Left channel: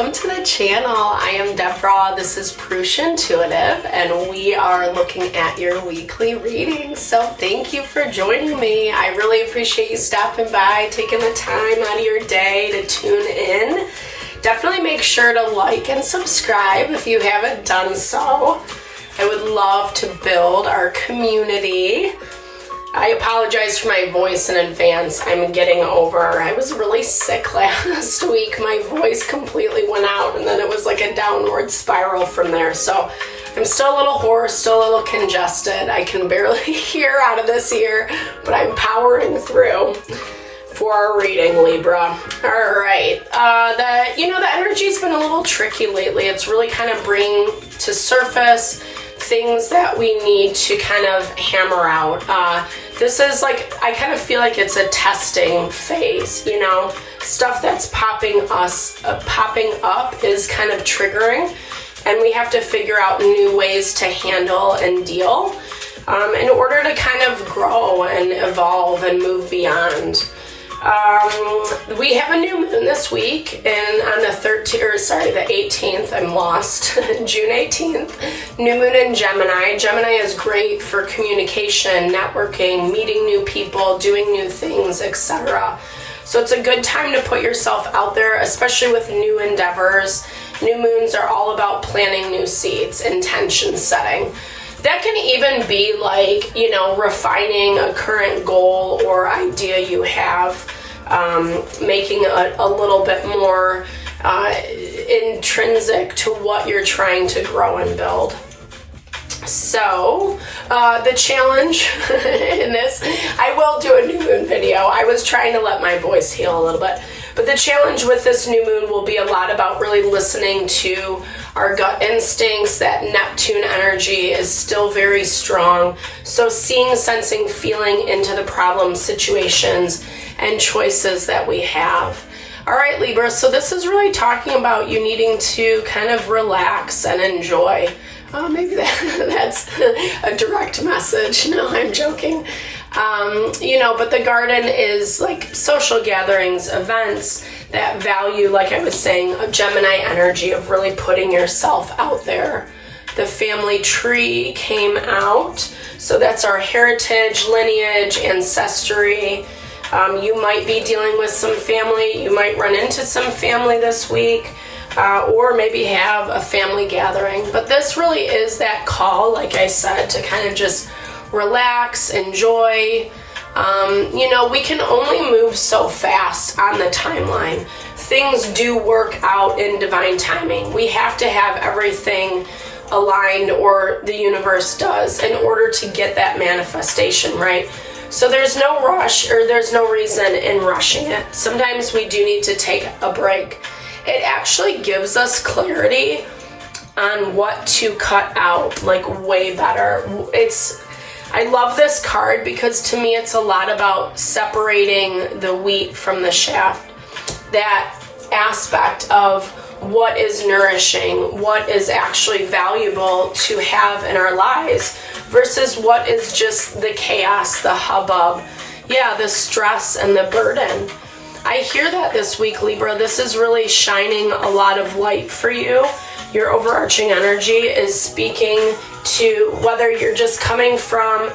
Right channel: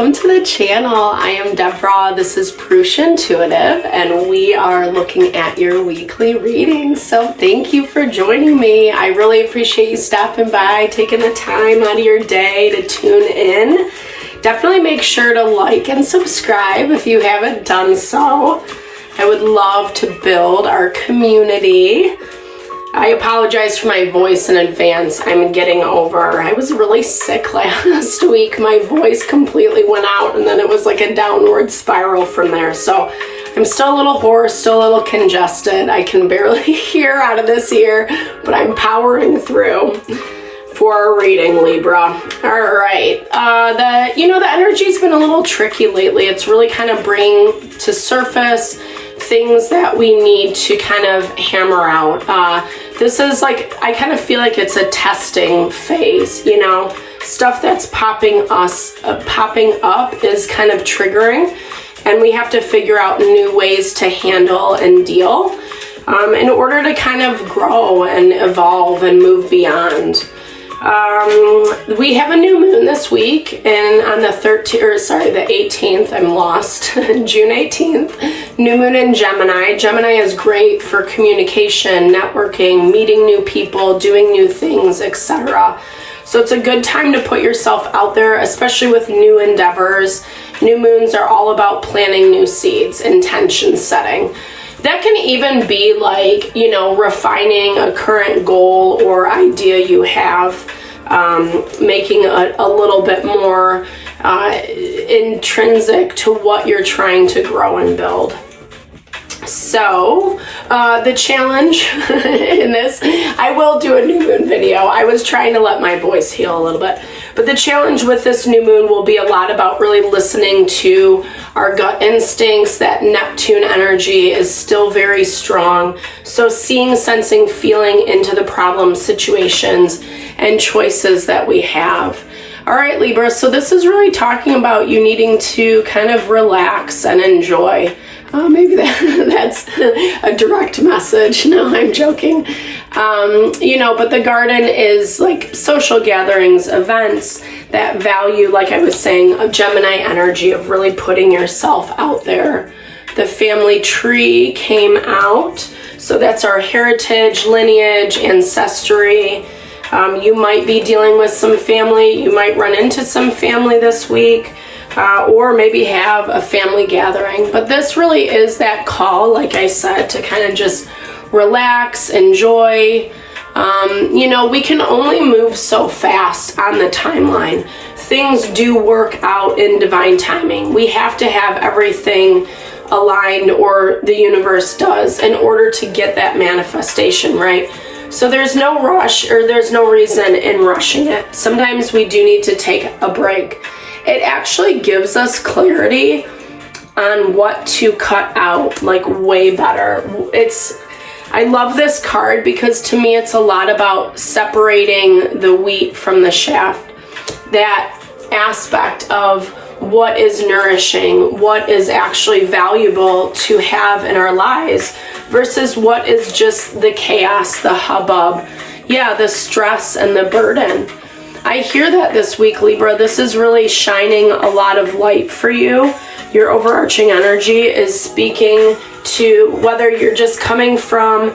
welcome to the channel. I am Deborah. This is Purusha Intuitive, and we are looking at your weekly reading. So thank you for joining me. I really appreciate you stopping by, taking the time out of your day to tune in. Definitely make sure to like and subscribe if you haven't done so. I would love to build our community. I apologize for my voice in advance. I'm getting over. I was really sick last week. My voice completely went out, and then it was like a downward spiral from there. So I'm still a little hoarse, still a little congested. I can barely hear out of this ear, but I'm powering through for our reading, Libra. All right. The energy's been a little tricky lately. It's really kind of bringing to surface things that we need to kind of hammer out. This is like, I kind of feel like it's a testing phase, stuff that's popping up is kind of triggering, and we have to figure out new ways to handle and deal in order to kind of grow and evolve and move beyond. We have a new moon this week, and on the 18th, I'm lost, June 18th, new moon in Gemini. Gemini is great for communication, networking, meeting new people, doing new things, etc. So it's a good time to put yourself out there, especially with new endeavors. New moons are all about planting new seeds, intention setting. That can even be like, refining a current goal or idea you have, making a little bit more intrinsic to what you're trying to grow and build. So, the challenge in this, I will do a new moon video. I was trying to let my voice heal a little bit. But the challenge with this new moon will be a lot about really listening to our gut instincts. That Neptune energy is still very strong. So seeing, sensing, feeling into the problem situations and choices that we have. All right, Libra, so this is really talking about you needing to kind of relax and enjoy. Maybe that's a direct message. No, I'm joking. But the garden is like social gatherings, events that value, like I was saying, a Gemini energy of really putting yourself out there. The family tree came out. So that's our heritage, lineage, ancestry. You might be dealing with some family. You might run into some family this week. Or maybe have a family gathering. But this really is that call, like I said, to kind of just relax, enjoy. We can only move so fast on the timeline. Things do work out in divine timing. We have to have everything aligned, or the universe does, in order to get that manifestation, right? So there's no rush, or there's no reason in rushing it. Sometimes we do need to take a break. It actually gives us clarity on what to cut out, like way better. I love this card because to me it's a lot about separating the wheat from the chaff. That aspect of what is nourishing, what is actually valuable to have in our lives versus what is just the chaos, the hubbub, the stress and the burden. I hear that this week, Libra. This is really shining a lot of light for you. Your overarching energy is speaking to whether you're just coming from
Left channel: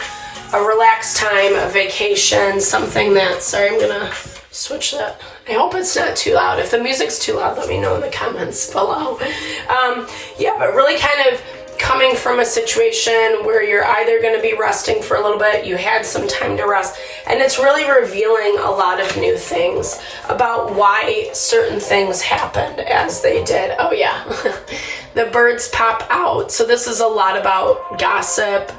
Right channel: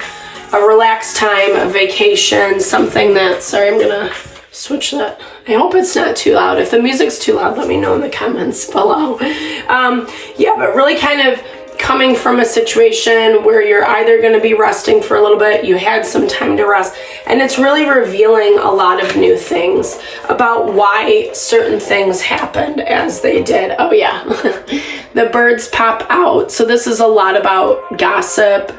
a relaxed time, a vacation, something that, sorry, I'm going to switch that. I hope it's not too loud. If the music's too loud, let me know in the comments below. But really kind of coming from a situation where you're either going to be resting for a little bit, you had some time to rest, and it's really revealing a lot of new things about why certain things happened as they did. Oh yeah, the birds pop out. So this is a lot about gossip,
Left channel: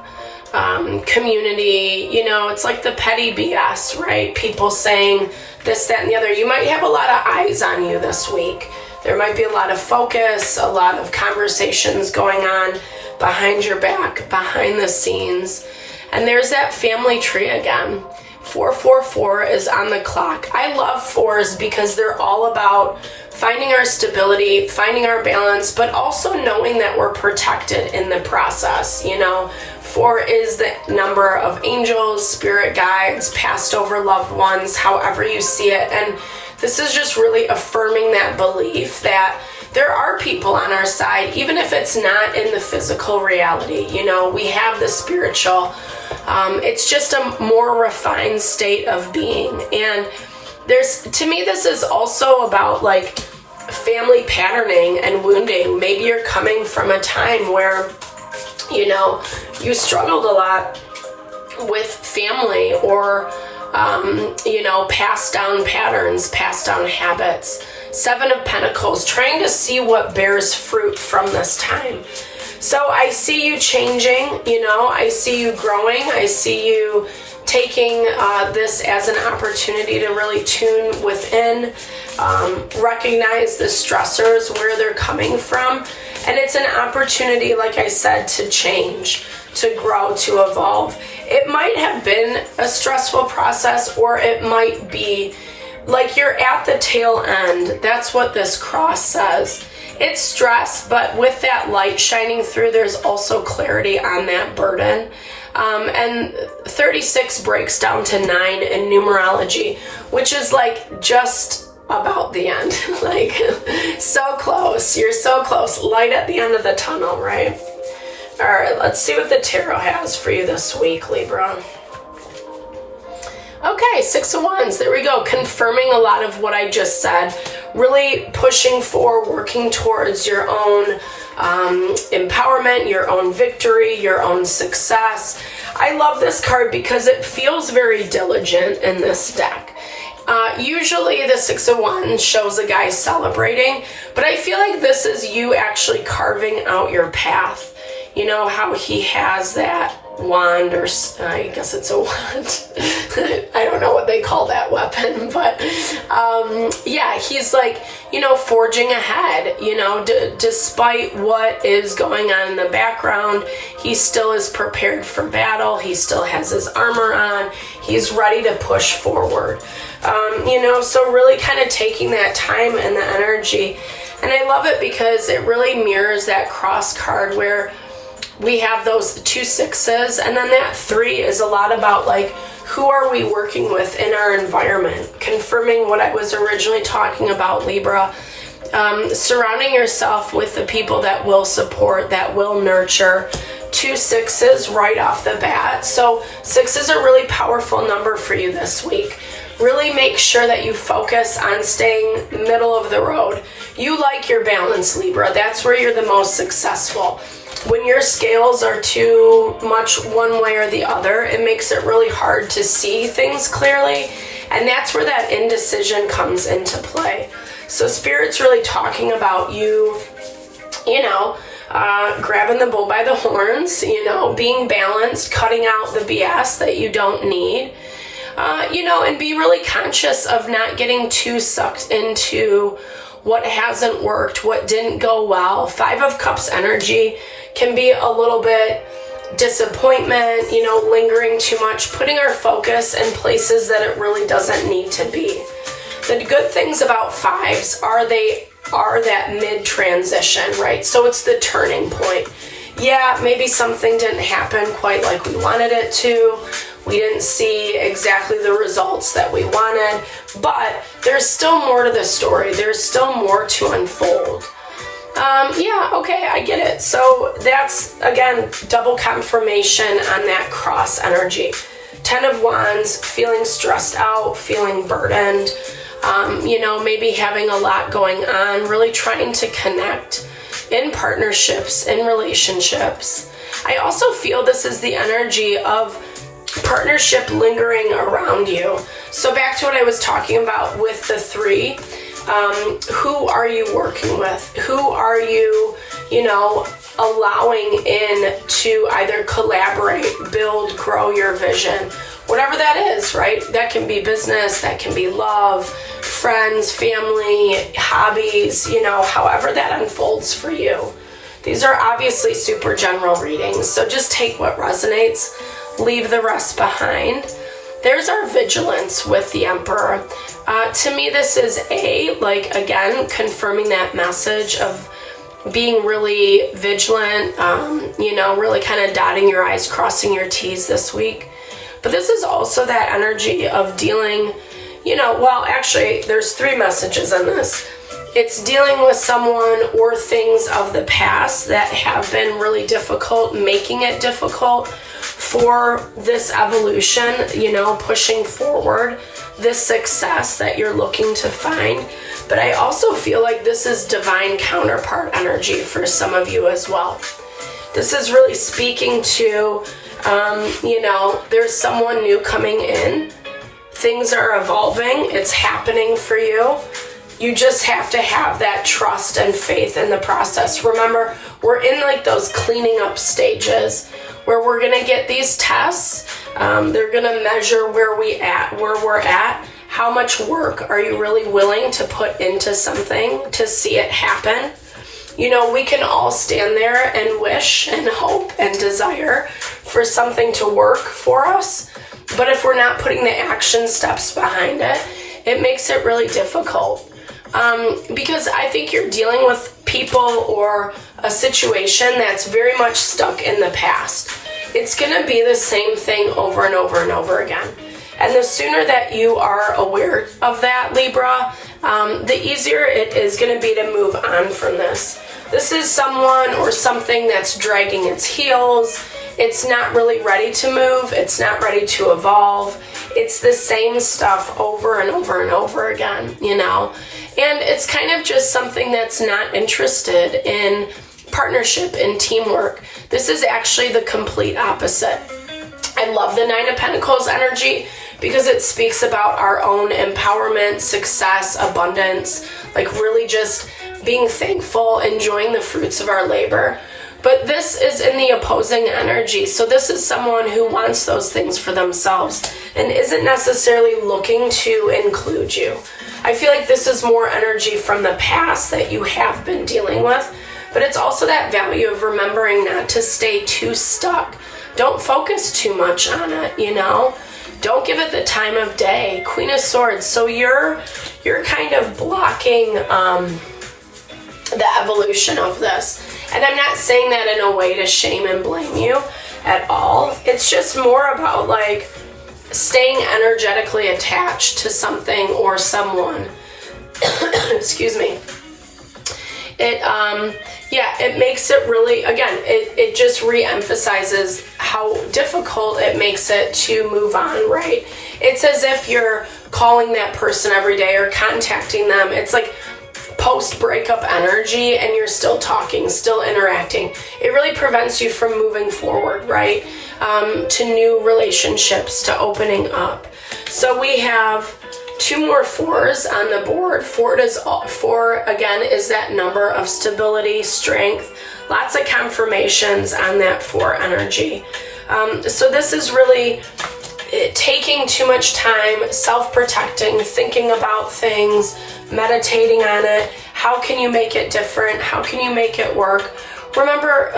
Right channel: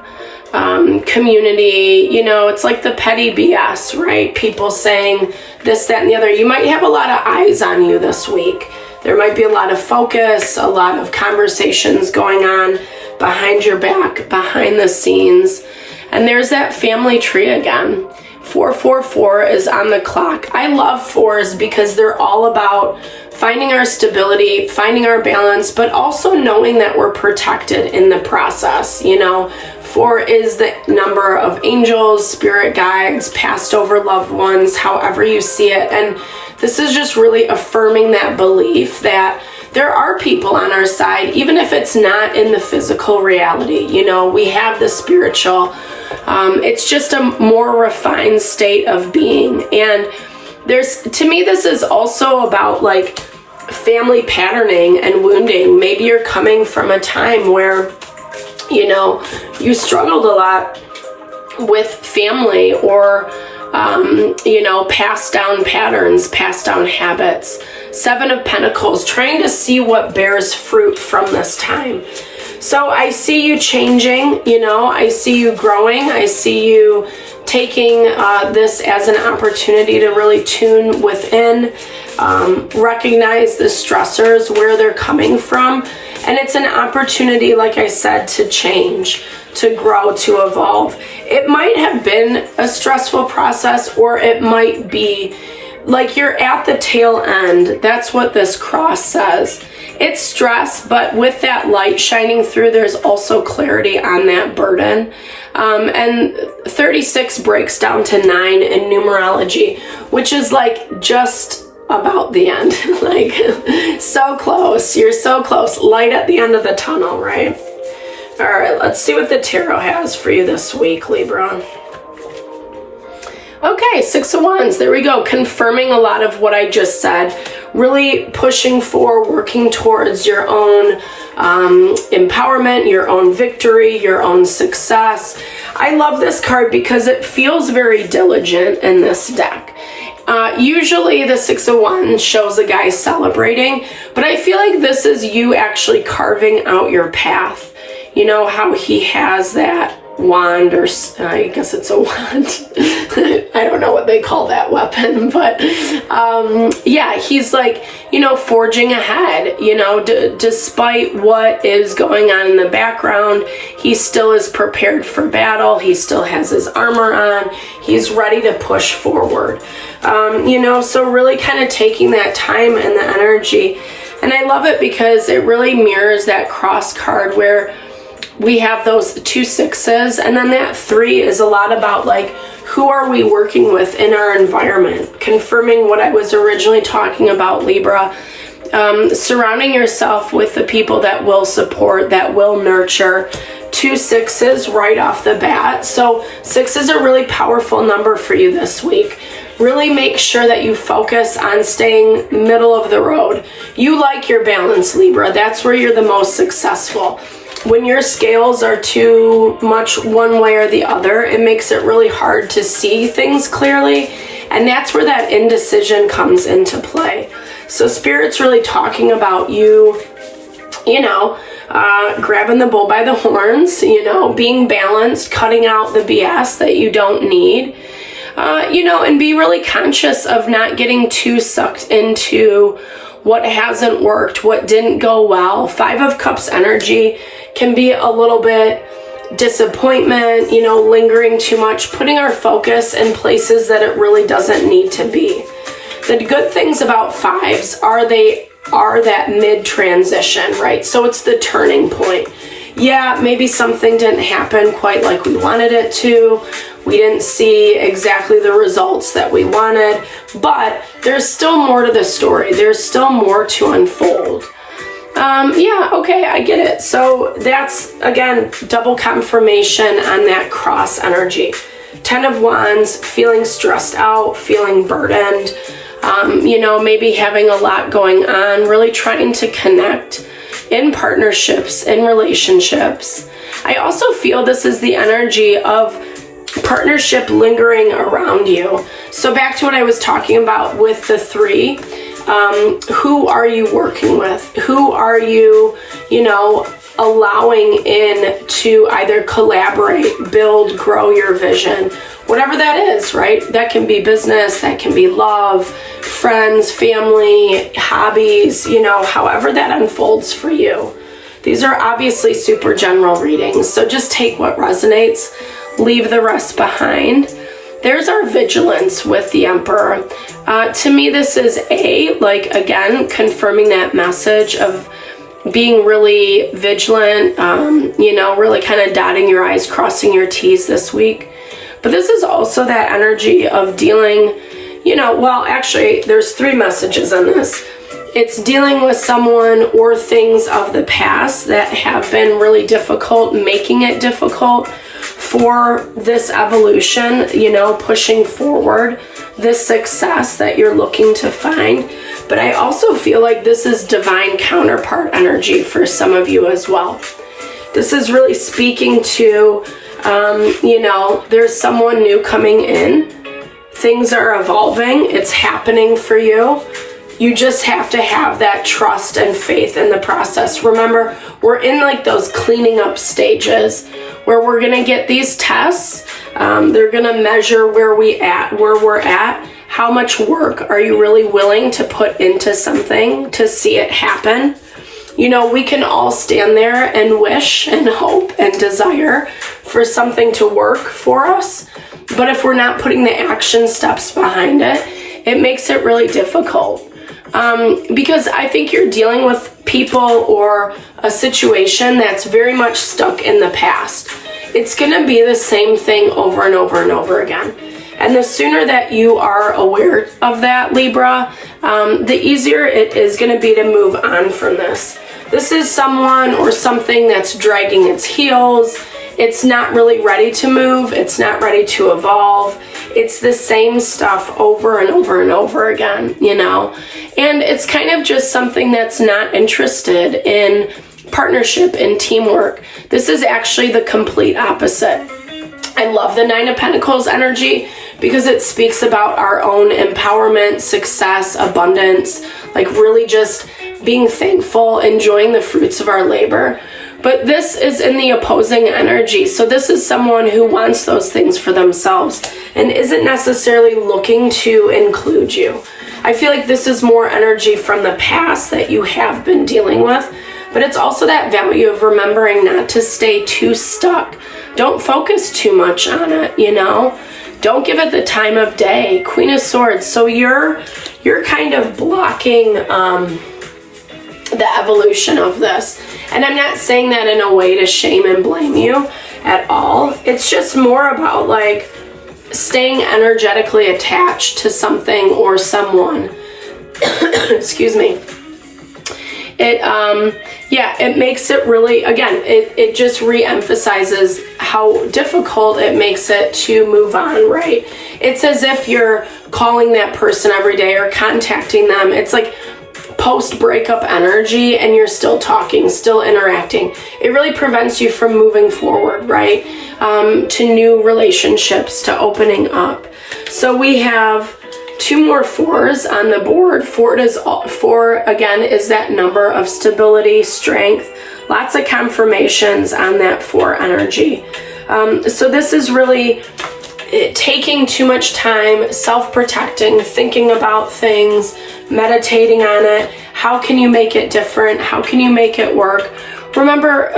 community, it's like the petty BS, right? People saying this, that, and the other. You might have a lot of eyes on you this week. There might be a lot of focus, a lot of conversations going on behind your back, behind the scenes. And there's that family tree again. 444 is on the clock. I love fours because they're all about finding our stability, finding our balance, but also knowing that we're protected in the process. 4 is the number of angels, spirit guides, passed over loved ones, however you see it. And this is just really affirming that belief that there are people on our side, even if it's not in the physical reality. You know, we have the spiritual. It's just a more refined state of being. And to me, this is also about like family patterning and wounding. Maybe you're coming from a time where, you know, you struggled a lot with family or, you know, passed down patterns, passed down habits. 7 of Pentacles, trying to see what bears fruit from this time. So I see you changing, you know, I see you growing. I see you taking this as an opportunity to really tune within, recognize the stressors, where they're coming from. And it's an opportunity, like I said, to change, to grow, to evolve. It might have been a stressful process, or it might be like you're at the tail end. That's what this cross says. It's stress, but with that light shining through, there's also clarity on that burden. And 36 breaks down to 9 in numerology, which is like just about the end. Like, so close. You're so close. Light at the end of the tunnel, right? All right, let's see what the tarot has for you this week, Libra. Okay, 6 of Wands. There we go. Confirming a lot of what I just said. Really pushing for, working towards your own empowerment, your own victory, your own success. I love this card because it feels very diligent in this deck. Usually the 6 of Wands shows a guy celebrating, but I feel like this is you actually carving out your path. You know how he has that wand, or I guess it's a wand. I don't know what they call that weapon, but yeah, he's like, you know, forging ahead, you know, despite what is going on in the background, he still is prepared for battle. He still has his armor on. He's ready to push forward. You know, so really kind of taking that time and the energy. And I love it because it really mirrors that cross card where we have those 2 6s, and then that 3 is a lot about like, who are we working with in our environment? Confirming what I was originally talking about, Libra. Surrounding yourself with the people that will support, that will nurture. 2 6s right off the bat. So 6 is a really powerful number for you this week. Really make sure that you focus on staying middle of the road. You like your balance, Libra. That's where you're the most successful. When your scales are too much one way or the other, it makes it really hard to see things clearly. And that's where that indecision comes into play. So Spirit's really talking about you, you know, grabbing the bull by the horns, you know, being balanced, cutting out the BS that you don't need, you know, and be really conscious of not getting too sucked into what hasn't worked, what didn't go well. 5 of Cups energy can be a little bit disappointment, you know, lingering too much, putting our focus in places that it really doesn't need to be. The good things about 5s are they are that mid-transition, right? So it's the turning point. Yeah, maybe something didn't happen quite like we wanted it to. We didn't see exactly the results that we wanted, but there's still more to the story. There's still more to unfold. Yeah, okay, I get it. So that's, again, double confirmation on that cross energy. 10 of Wands, feeling stressed out, feeling burdened, you know, maybe having a lot going on, really trying to connect in partnerships, in relationships. I also feel this is the energy of partnership lingering around you. So back to what I was talking about with the 3. Who are you working with? Who are you, you know, allowing in to either collaborate, build, grow your vision? Whatever that is, right? That can be business, that can be love, friends, family, hobbies, you know, however that unfolds for you. These are obviously super general readings, so just take what resonates, leave the rest behind. There's our vigilance with the Emperor. To me, this is like, again, confirming that message of being really vigilant, you know, really kind of dotting your I's, crossing your T's this week. But this is also that energy of dealing, you know, well, actually, there's 3 messages in this. It's dealing with someone or things of the past that have been really difficult, making it difficult for this evolution, you know, pushing forward this success that you're looking to find. But I also feel like this is divine counterpart energy for some of you as well. This is really speaking to, you know, there's someone new coming in. Things are evolving. It's happening for you. You just have to have that trust and faith in the process. Remember, we're in like those cleaning up stages where we're going to get these tests. They're going to measure where we're at. How much work are you really willing to put into something to see it happen? You know, we can all stand there and wish and hope and desire for something to work for us. But if we're not putting the action steps behind it, it makes it really difficult. Because I think you're dealing with people or a situation that's very much stuck in the past. It's going to be the same thing over and over and over again. And the sooner that you are aware of that, Libra, the easier it is going to be to move on from this. This is someone or something that's dragging its heels. It's not really ready to move. It's not ready to evolve. It's the same stuff over and over and over again, you know. And it's kind of just something that's not interested in partnership and teamwork. This is actually the complete opposite. I love the Nine of Pentacles energy because it speaks about our own empowerment, success, abundance, like really just being thankful, enjoying the fruits of our labor. But this is in the opposing energy. So this is someone who wants those things for themselves and isn't necessarily looking to include you. I feel like this is more energy from the past that you have been dealing with, but it's also that value of remembering not to stay too stuck. Don't focus too much on it, you know? Don't give it the time of day. Queen of Swords. So you're kind of blocking the evolution of this. And I'm not saying that in a way to shame and blame you at all. It's just more about like staying energetically attached to something or someone. Excuse me. It makes it really, again, it just re-emphasizes how difficult it makes it to move on, right? It's as if you're calling that person every day or contacting them. It's like post-breakup energy and you're still talking, still interacting. It really prevents you from moving forward, right? To new relationships, to opening up. So we have 2 more 4s on the board. 4 again is that number of stability, strength, lots of confirmations on that 4 energy. So this is really taking too much time, self-protecting, thinking about things, meditating on it. How can you make it different? How can you make it work? Remember,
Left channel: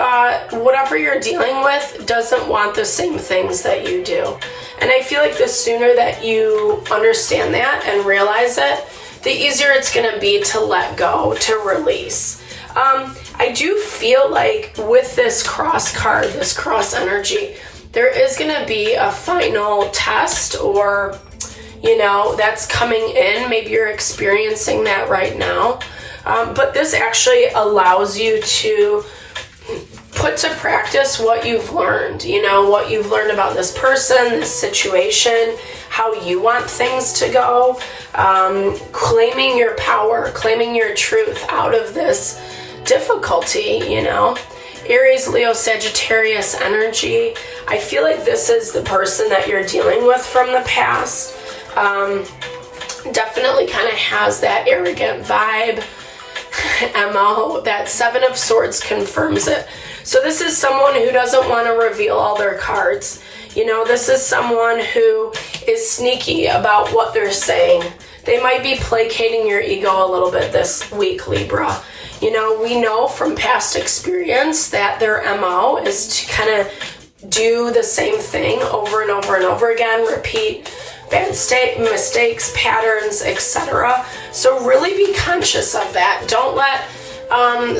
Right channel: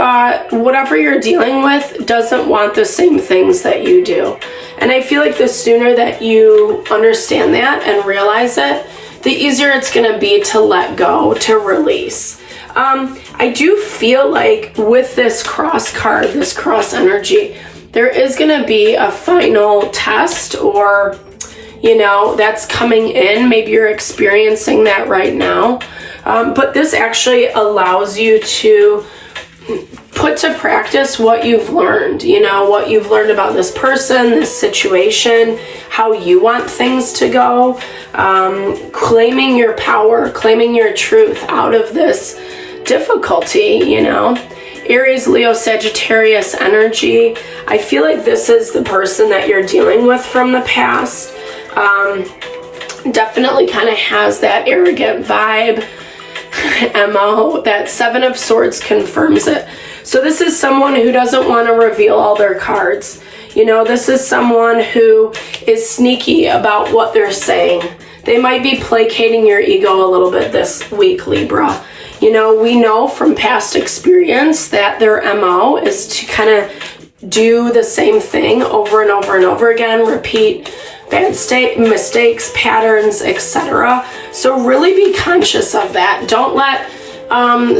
whatever you're dealing with doesn't want the same things that you do. And I feel like the sooner that you understand that and realize it, the easier it's going to be to let go, to release. I do feel like with this cross card, this cross energy, there is going to be a final test or, you know, that's coming in. Maybe you're experiencing that right now. But this actually allows you to put to practice what you've learned, you know, what you've learned about this person, this situation, how you want things to go, claiming your power, claiming your truth out of this difficulty, you know. Aries, Leo, Sagittarius energy. I feel like this is the person that you're dealing with from the past. Definitely kind of has that arrogant vibe. MO, that 7 of Swords confirms it. So this is someone who doesn't want to reveal all their cards. You know, this is someone who is sneaky about what they're saying. They might be placating your ego a little bit this week, Libra. You know, we know from past experience that their MO is to kind of do the same thing over and over and over again, repeat bad mistakes, patterns, etc. So really be conscious of that. Don't let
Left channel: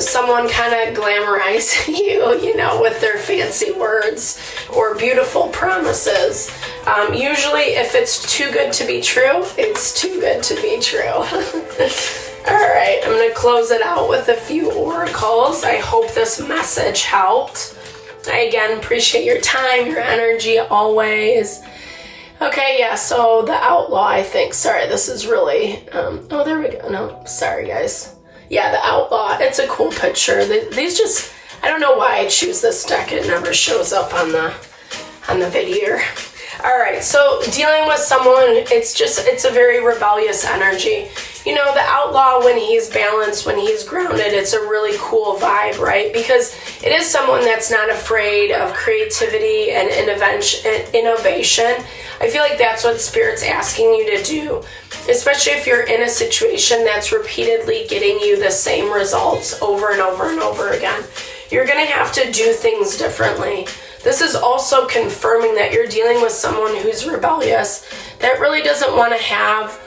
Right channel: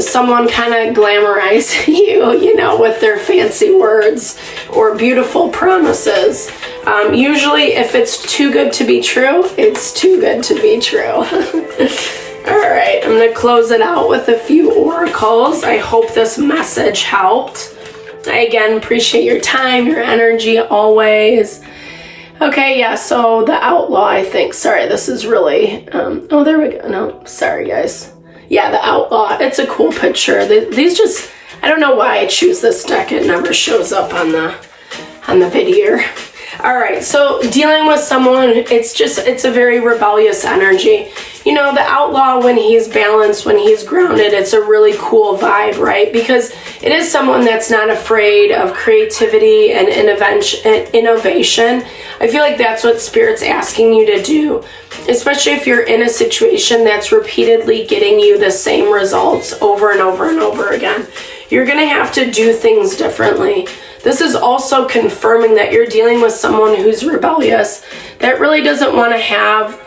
someone kind of glamorize you, you know, with their fancy words or beautiful promises. Usually if it's too good to be true, it's too good to be true. All right, I'm going to close it out with a few oracles. I hope this message helped. I, again, appreciate your time, your energy, always. Okay, yeah, so the outlaw, I think. Sorry, this is really... oh, there we go. No, sorry, guys. Yeah, the outlaw. It's a cool picture. These just... I don't know why I choose this deck. It never shows up on the video. All right, so dealing with someone, it's a very rebellious energy. You know, the outlaw, when he's balanced, when he's grounded, it's a really cool vibe, right? Because it is someone that's not afraid of creativity and innovation. I feel like that's what Spirit's asking you to do, especially if you're in a situation that's repeatedly getting you the same results over and over and over again. You're going to have to do things differently. This is also confirming that you're dealing with someone who's rebellious, that really doesn't want to have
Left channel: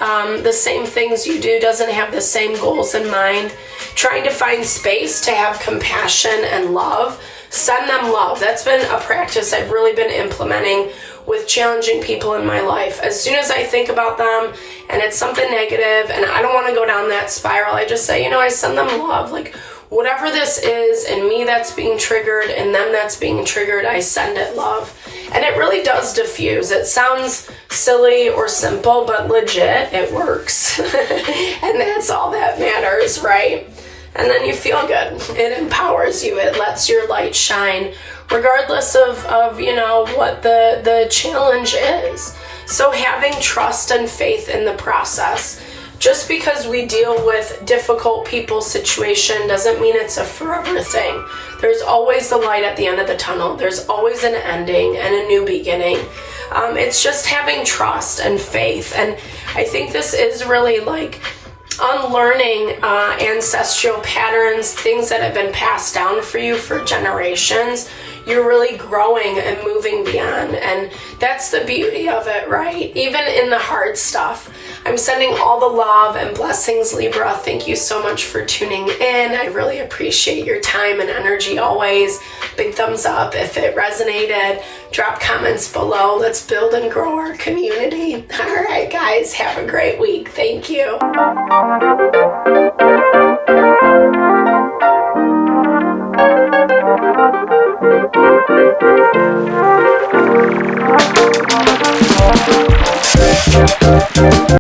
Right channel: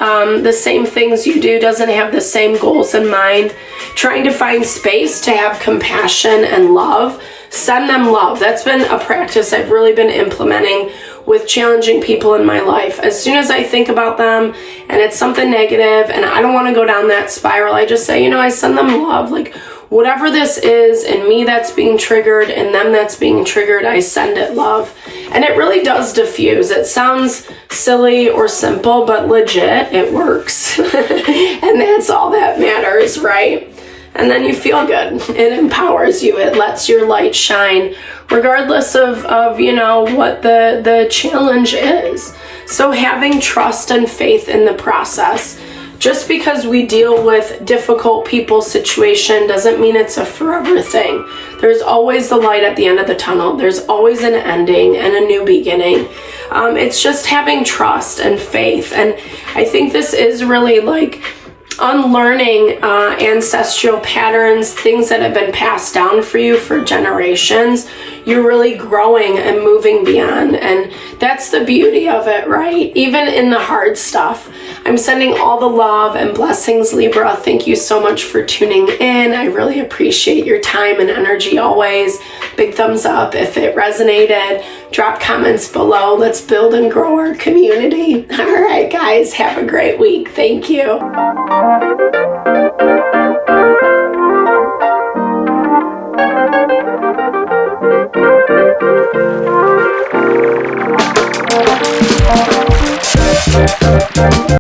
the same things you do, doesn't have the same goals in mind, trying to find space to have compassion and love. Send them love. That's been a practice I've really been implementing with challenging people in my life. As soon as I think about them and it's something negative and I don't want to go down that spiral, I just say, I send them love. Like, whatever this is in me that's being triggered and them that's being triggered, I send it love. And it really does diffuse. It sounds silly or simple, but legit, it works. And that's all that matters, right? And then you feel good. It empowers you. It lets your light shine, regardless of what the challenge is. So having trust and faith in the process. Just because we deal with difficult people situation doesn't mean it's a forever thing. There's always the light at the end of the tunnel. There's always an ending and a new beginning. It's just having trust and faith. And I think this is really like unlearning ancestral patterns, things that have been passed down for you for generations. You're really growing and moving beyond. And that's the beauty of it, right? Even in the hard stuff. I'm sending all the love and blessings, Libra. Thank you so much for tuning in. I really appreciate your time and energy always. Big thumbs up if it resonated. Drop comments below. Let's build and grow our community. All right, guys, have a great week. Thank you.